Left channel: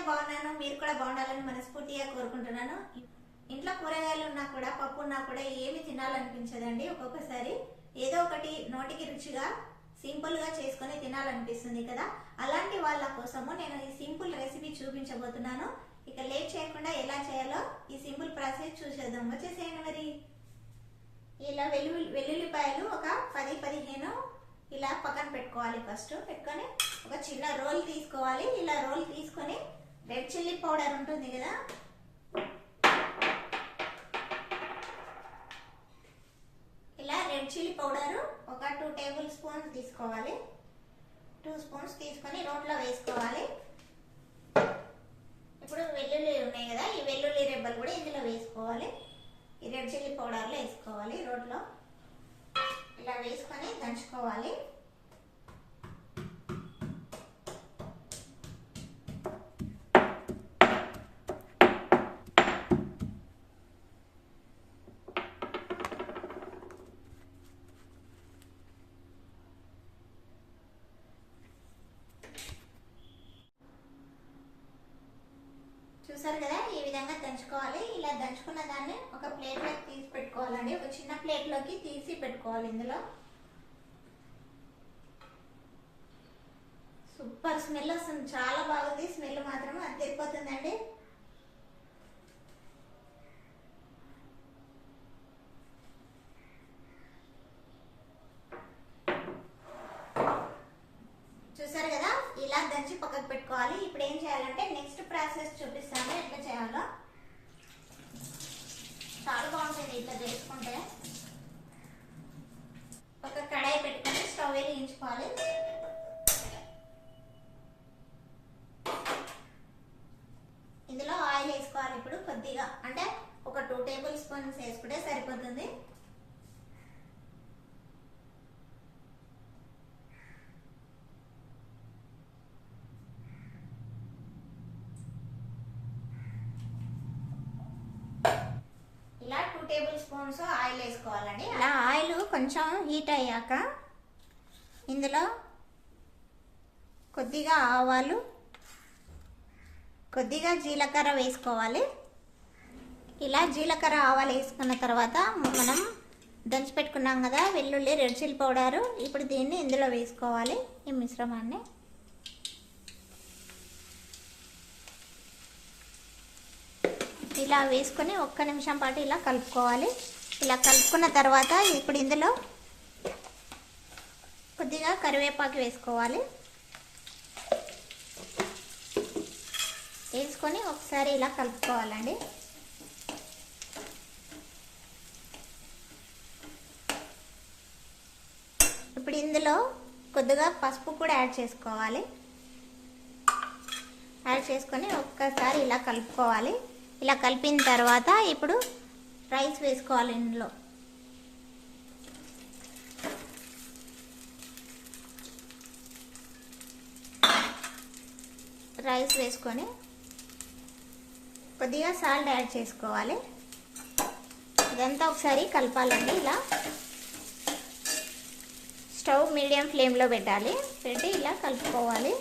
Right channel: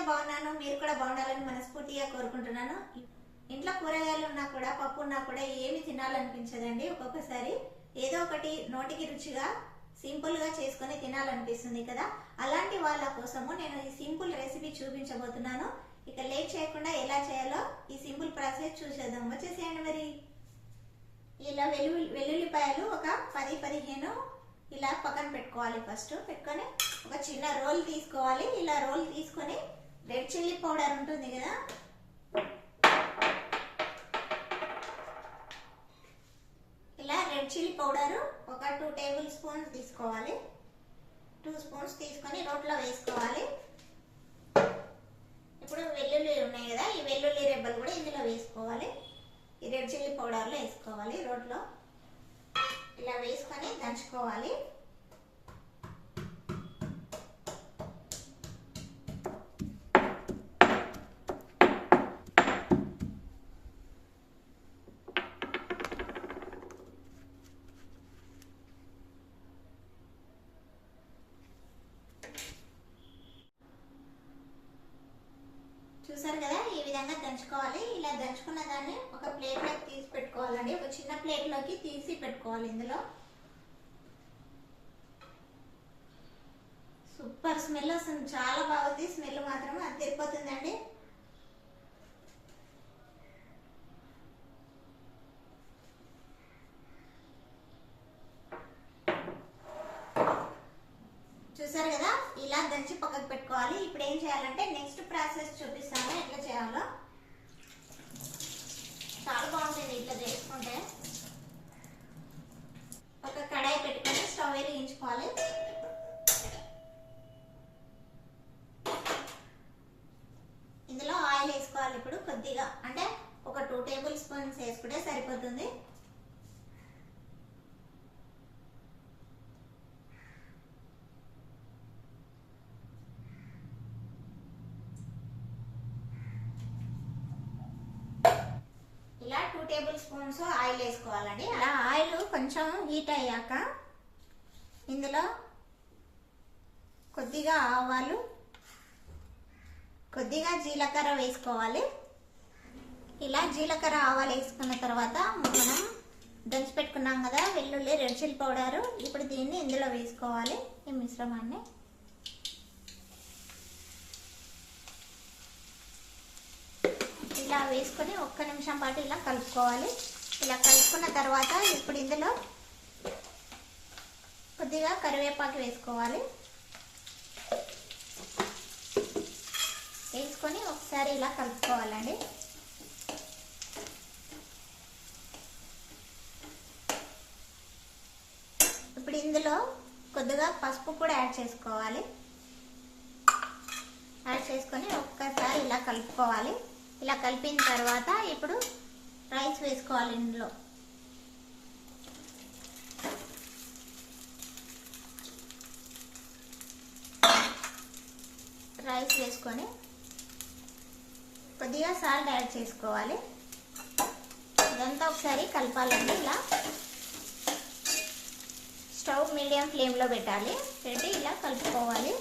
నేనైతే బాగున్నాను మీరు కూడా బాగుండాలని మనస్ఫూర్తిగా కోరుకుంటున్నాను. ఇంట్లో కూరగాయలు ఉన్నా కూడా పప్పు ఉన్నా కూడా ఏమి తినాలనిపించదండి. ఒక్కొక్కసారి ఏదో ఒకటి నోటికి రుచిగా సింపుల్గా చేసుకొని తినాలనిపిస్తుంది కదా. అలాంటి వాళ్ళ కోసము నేను ఈ సింపుల్ రెసిపీ చూపించబోతున్నాను. ఇక లేట్ చేయకుండా ఎలా చేయాలో ఈ సింపుల్ ప్రాసెస్ చూసేద్దాం. వచ్చేసేయండి మరి. ఇలా వెల్లుల్లి వెల్లుల్లిపాయలు ఒక పది పదిహేను ఇలా పక్కన పెట్టుకోవాలి ఫస్ట్. పెట్టుకొని ఒక చిన్న రోల్ తీసుకోవాలి. ఇలా రోల్ తీసుకొని రెడ్ చిల్లీ పౌడర్ ఉంటుంది కదా. ఇలా రెడ్ చిల్లీ పౌడర్ ఒక టూ టేబుల్ స్పూన్స్ తీసుకోవాలి. టూ స్పూన్స్ తీసుకొని రోట్లో వేసుకోవాలి. ఇప్పుడు వెల్లుల్లి ఉన్నాయి కదా ఈ వెల్లుల్లి రెబ్బలు కూడా ఇందులో వేసుకోవాలి. ఈ రెడ్ చిల్లీ పౌడర్లో వేసుకోవాలి రోట్లో. ఇలా వేసుకొని దంచుకోవాలి. చూసారు కదా ఈ విధంగా దంచుకోవాలి. ఇలా దంచుకున్న దాన్ని ఒక ప్లేట్లోకి తీసి పెట్టుకోవాలండి. ఒక చిన్న ప్లేట్లోకి తీసి పెట్టుకోవాలి ఇందులో. సూపర్. స్మెల్ వస్తుంది చాలా బాగుంది. స్మెల్ మాత్రం అది తిరిగిపోతుందండి చూసారు కదా ఇలా దంచి పక్కకు పెట్టుకోవాలి. ఇప్పుడు ఏం చేయాలంటే నెక్స్ట్ ప్రాసెస్ చూపిస్తాను. ఎట్లా చేయాలో. చాలా బాగుంటుంది ఇట్లా చేసుకుంటే. ఒక కడాయి పెట్టుకొని స్టవ్ వేయించుకోవాలి. ఇందులో ఆయిల్ వేసుకోవాలి ఇప్పుడు కొద్దిగా. అంటే ఒక టూ టేబుల్ స్పూన్స్ వేసుకుంటే సరిపోతుంది. ఇలా టూ టేబుల్ స్పూన్స్ ఆయిల్ వేసుకోవాలండి. ఆ ఆయిల్ కొంచెం హీట్ అయ్యాక ఇందులో కొద్దిగా ఆవాలు కొద్దిగా జీలకర్ర వేసుకోవాలి. ఇలా జీలకర్ర ఆవాలు వేసుకున్న తర్వాత మనం దంచి పెట్టుకున్నాం కదా వెల్లుల్లి రెడ్ చిల్లి పౌడరు. ఇప్పుడు దీన్ని ఇందులో వేసుకోవాలి ఈ మిశ్రమాన్ని. ఇలా వేసుకొని ఒక్క నిమిషం పాటు ఇలా కలుపుకోవాలి. ఇలా కలుపుకున్న తర్వాత ఇప్పుడు ఇందులో కొద్దిగా కరివేపాకు వేసుకోవాలి. వేసుకొని ఒకసారి ఇలా కలుపుకోవాలండి. ఇప్పుడు ఇందులో కొద్దిగా పసుపు కూడా యాడ్ చేసుకోవాలి. యాడ్ చేసుకొని ఒక్కసారి ఇలా కలుపుకోవాలి. ఇలా కలిపిన తర్వాత ఇప్పుడు రైస్ వేసుకోవాలి ఇందులో. రైస్ వేసుకొని కొద్దిగా సాల్ట్ యాడ్ చేసుకోవాలి. ఇదంతా ఒకసారి కలపాలండి. ఇలా స్టవ్ మీడియం ఫ్లేమ్లో పెట్టాలి. పెట్టి ఇలా కలుపుకోవాలి.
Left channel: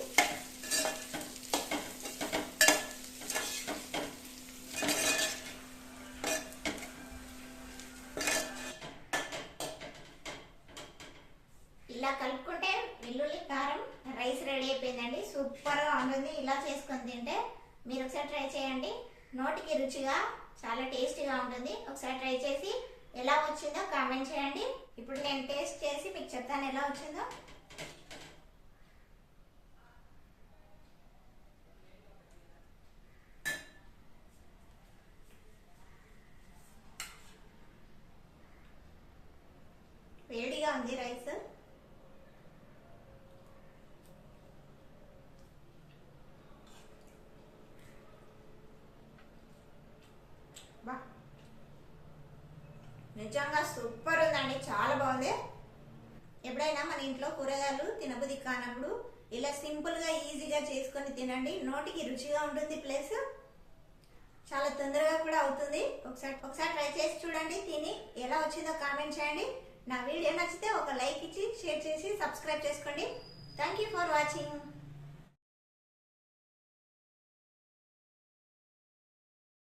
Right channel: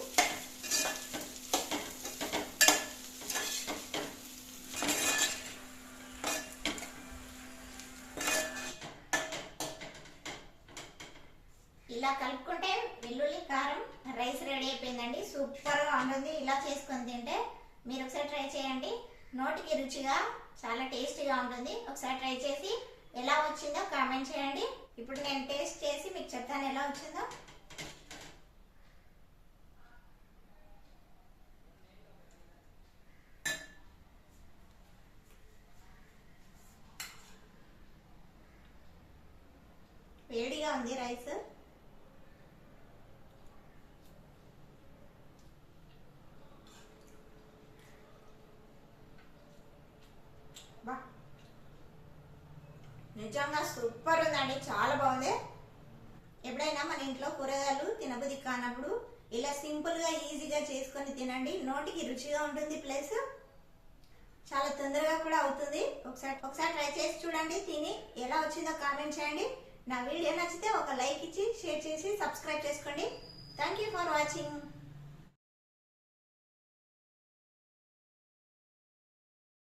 ఇలా కలుపుకుంటే వెల్లుల్లి కారం రైస్ రెడీ అయిపోయిందండి. సూపర్గా ఉంటుంది. ఇలా చేసుకొని తింటే మీరు ఒకసారి ట్రై చేయండి. నోటికి రుచిగా చాలా టేస్టీగా ఉంటుంది. ఒకసారి ట్రై చేసి ఎలా వచ్చిందో కామెంట్ చేయండి. ఇప్పుడు నేను టేస్ట్ చేసి మీకు చెప్తాను ఎలా వచ్చిందో. వేడిగా ఉంది రైస్. నిజంగా సూపర్ ఉందండి చాలా బాగుంది. ఎప్పుడైనా మన ఇంట్లో కూరగాయలు తినబుద్ధి కానప్పుడు ఇలా సింపుల్గా ఈజీగా చేసుకొని తినండి. నోటికి రుచిగా ఉంటుంది ప్లస్. చాలా తొందరగా కూడా అవుతుంది. ఒకసారి ఒకసారి ట్రై చేసి చూడండి తిని ఎలా వచ్చిందో కామెంట్ చేయండి. నా వీడియో నచ్చితే ఒక లైక్ ఇచ్చి షేర్ చేసి సబ్స్క్రైబ్ చేసుకోండి. Thank you for watching